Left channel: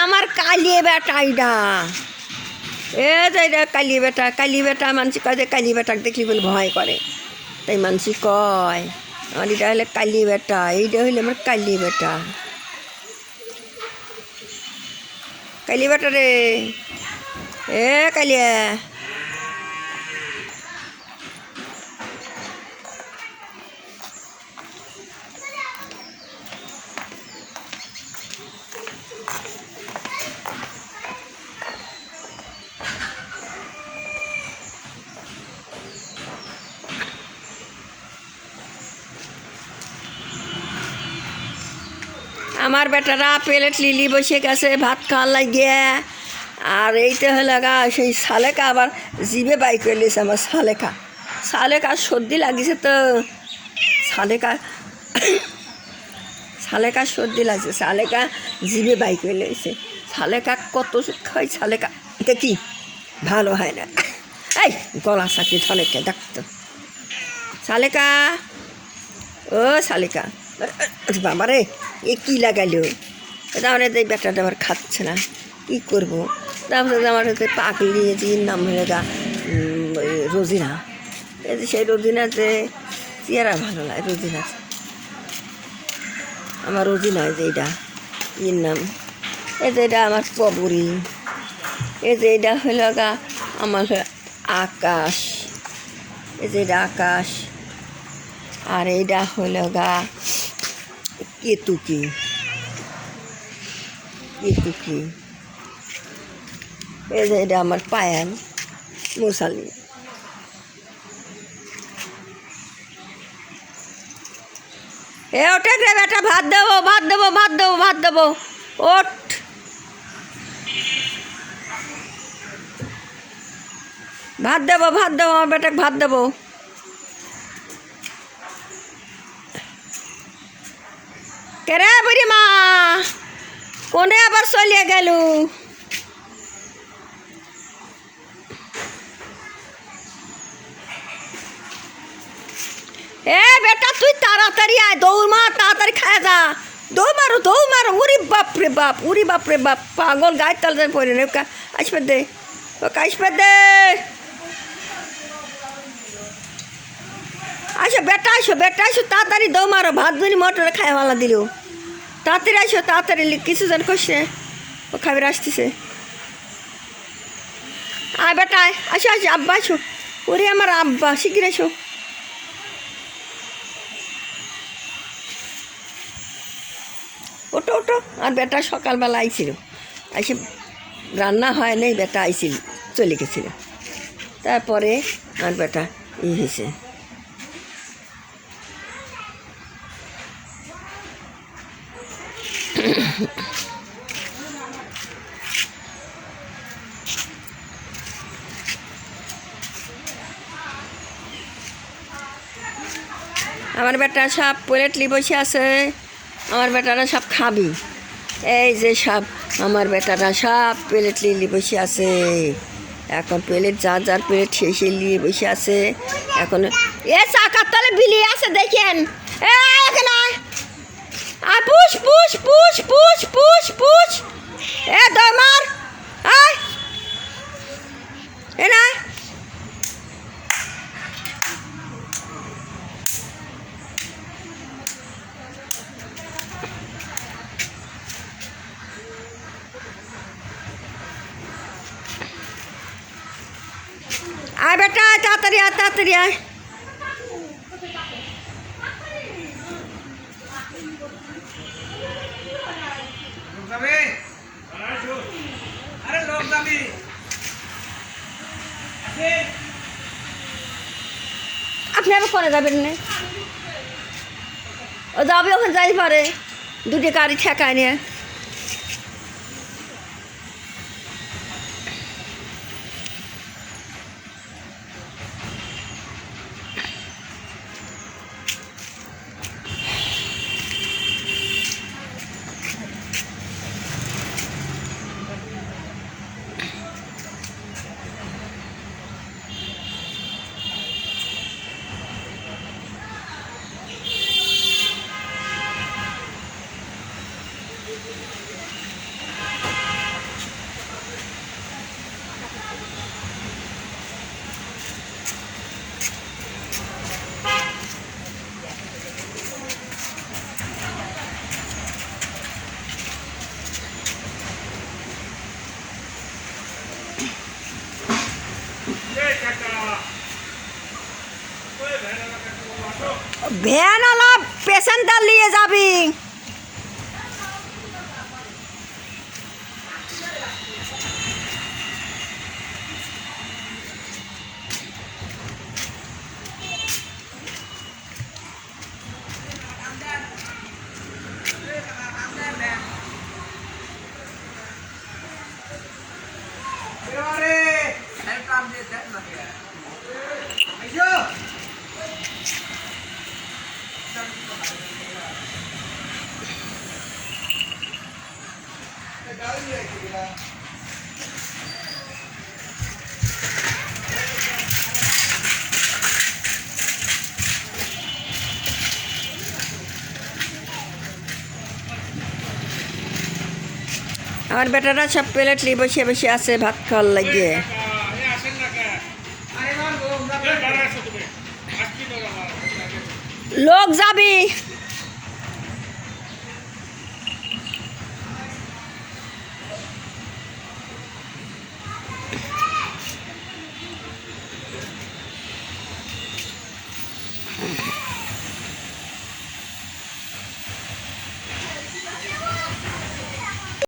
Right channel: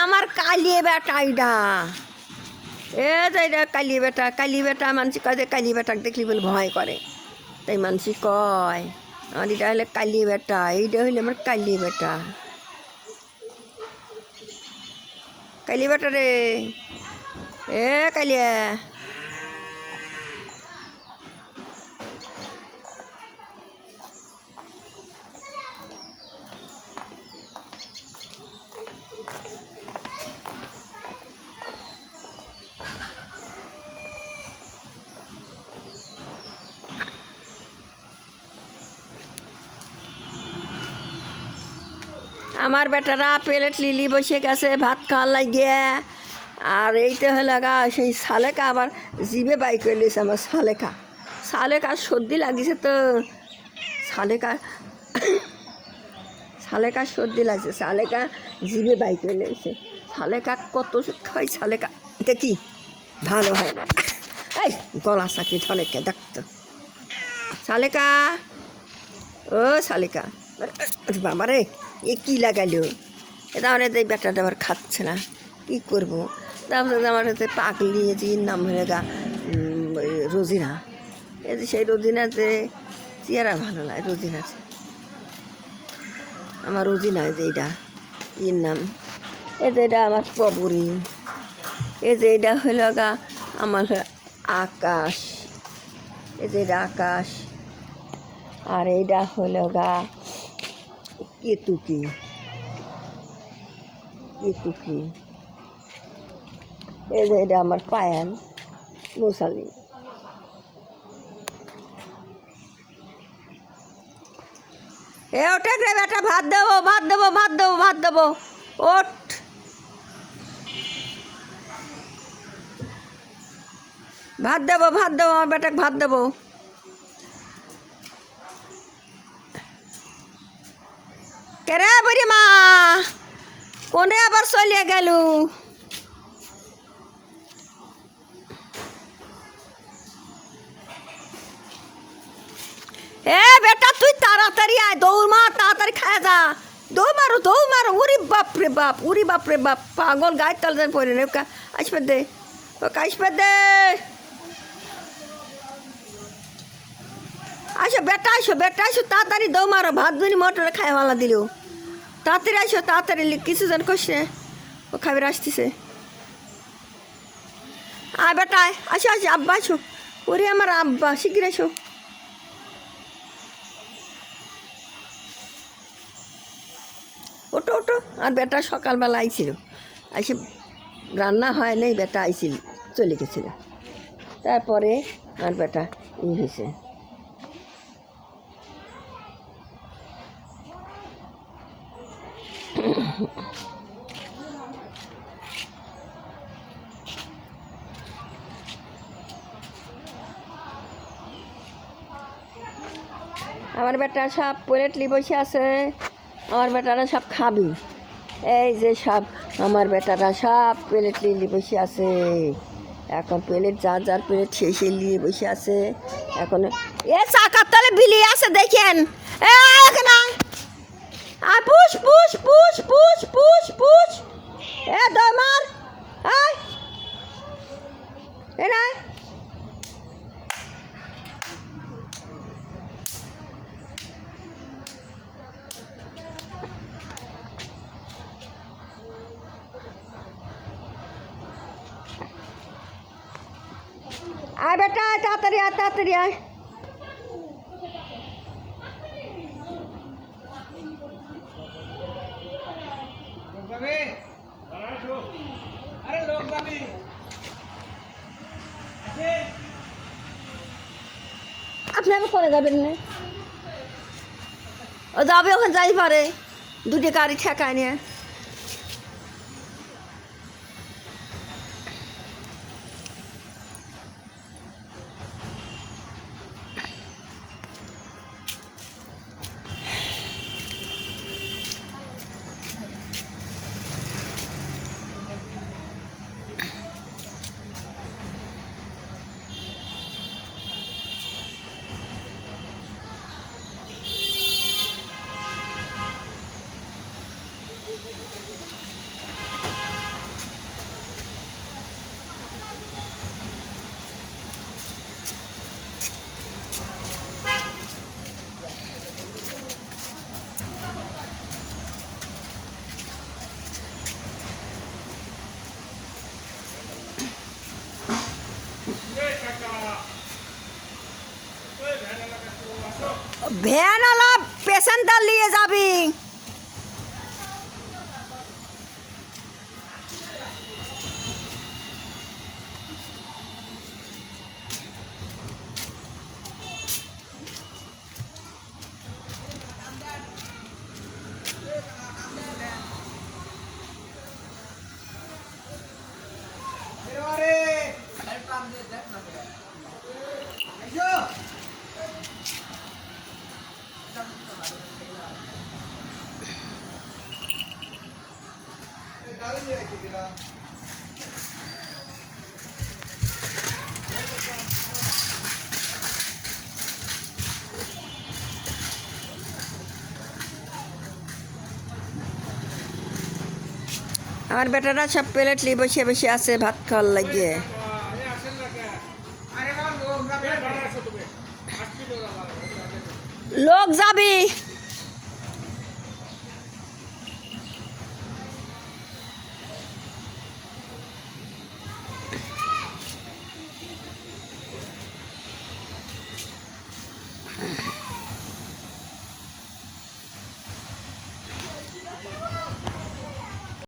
আমার কালিয়ে বেটাইডা এ যে কালি বেটা মানুষ কয় যে কালি বেটাক দেখলি বলে ভয় করে, তাই মানুষ কয় আমার এটা হলে কালি বেটা, এইটা হইলে আমার কালি বেটা। কালি বেটা রে, এ কালিয়া আমার বেটারা প্লেট লিলি বসে গেছে ভাত খাওয়ার লাগিয়ে। আর এইটা হলো গা সেই সালেকা আবার জিভে বাই করে লিয়েছে আমার সালেকা সর্দি লাগিয়েছে তো সালেকা সর্দি লাগছে, সালেকা জিভে বাই করে লিয়েছে। সালেকা কত খাই, সালেকা এটা কি ভালো হয় না। এই গলা চাকরি সালেকা দেখতো, সালেকা ও সালেকা বাবা রে এ কী লাগাইল, তাহলে এই বেটাটা আবার খাচ্ছে না, কী করবো। তারপরে আমার হচ্ছে পাগলি নিয়েছি, নাম হলে গা রোজিনা। এই যে সেই রোজিনার যে চেহারা ভালো লাগে, রোজিনা আমার রোজিনা, যে এইটা এর নাম, এই যে এটা আমার পবরি, এই যে এটা হলো গা আমার আকাশ, এই যে এটা আকাশ। আর এইটা হলো গা কেতুকি, এই যে এটা আমার পায়াল মুসালি। এ ওঠে রে বেটা, ভাত দেবো ওঠ। ভাত দেবো আমার বেটাকে ভাত দেবো। কেরে বুড়ি মা কোনে আবার চলিয়ে গেল? এ বেটা তুই তাড়াতাড়ি আয়, দৌড় মার, তাড়াতাড়ি খায় যা, দৌড় মারো। উরি বাপ রে বাপ, পাগল গায়ের তালে পড়ে নে। আসবে দে, ওকে আসবে দে। বেটা আসো তাড়াতাড়ি দৌড় মারো, ভাত ধরি মটরে খায় ভালো দিল। তাড়াতাড়ি কিছু জন করছে, ও খাবার আসতেছে। আয় বেটা আসো আব্বা আসো, ওরে আমার আব্বা শিগগির এসো। ওটো আর বেটা সকালবেলা আইছিল, এসে রান্না হয় নাই, বেটা আইছিল চলে গেছিল। তারপরে আর বেটা হয়েছে। আমার বেটা সব প্লেটলি বসে আছে, আমার বেটারা সব খাবি। এই যে সব আমার বেটারা সব প্লেট নিয়ে বসে আছে, এখন প্লেট যার প্লেট সেই নিয়ে বসে আছে। এখন এ চাকার তলে বিলিয়ে আছে দেখেন, পুষ এ দমার এ না আয় বেটা, তাড়াতাড়ি আয়। আপনি আবার করে যাবেন না, ও যাবে ওখানে যাই পারে, দুটি গাড়ি ঠেকায় নিয়ে। ভ্যানওয়ালা পেশেন্টটা নিয়ে যাবি। আমার বেটারা সব প্লেট নিয়ে বসে বসে আছে ভাত খাওয়ার লাগে। লোক যাবে।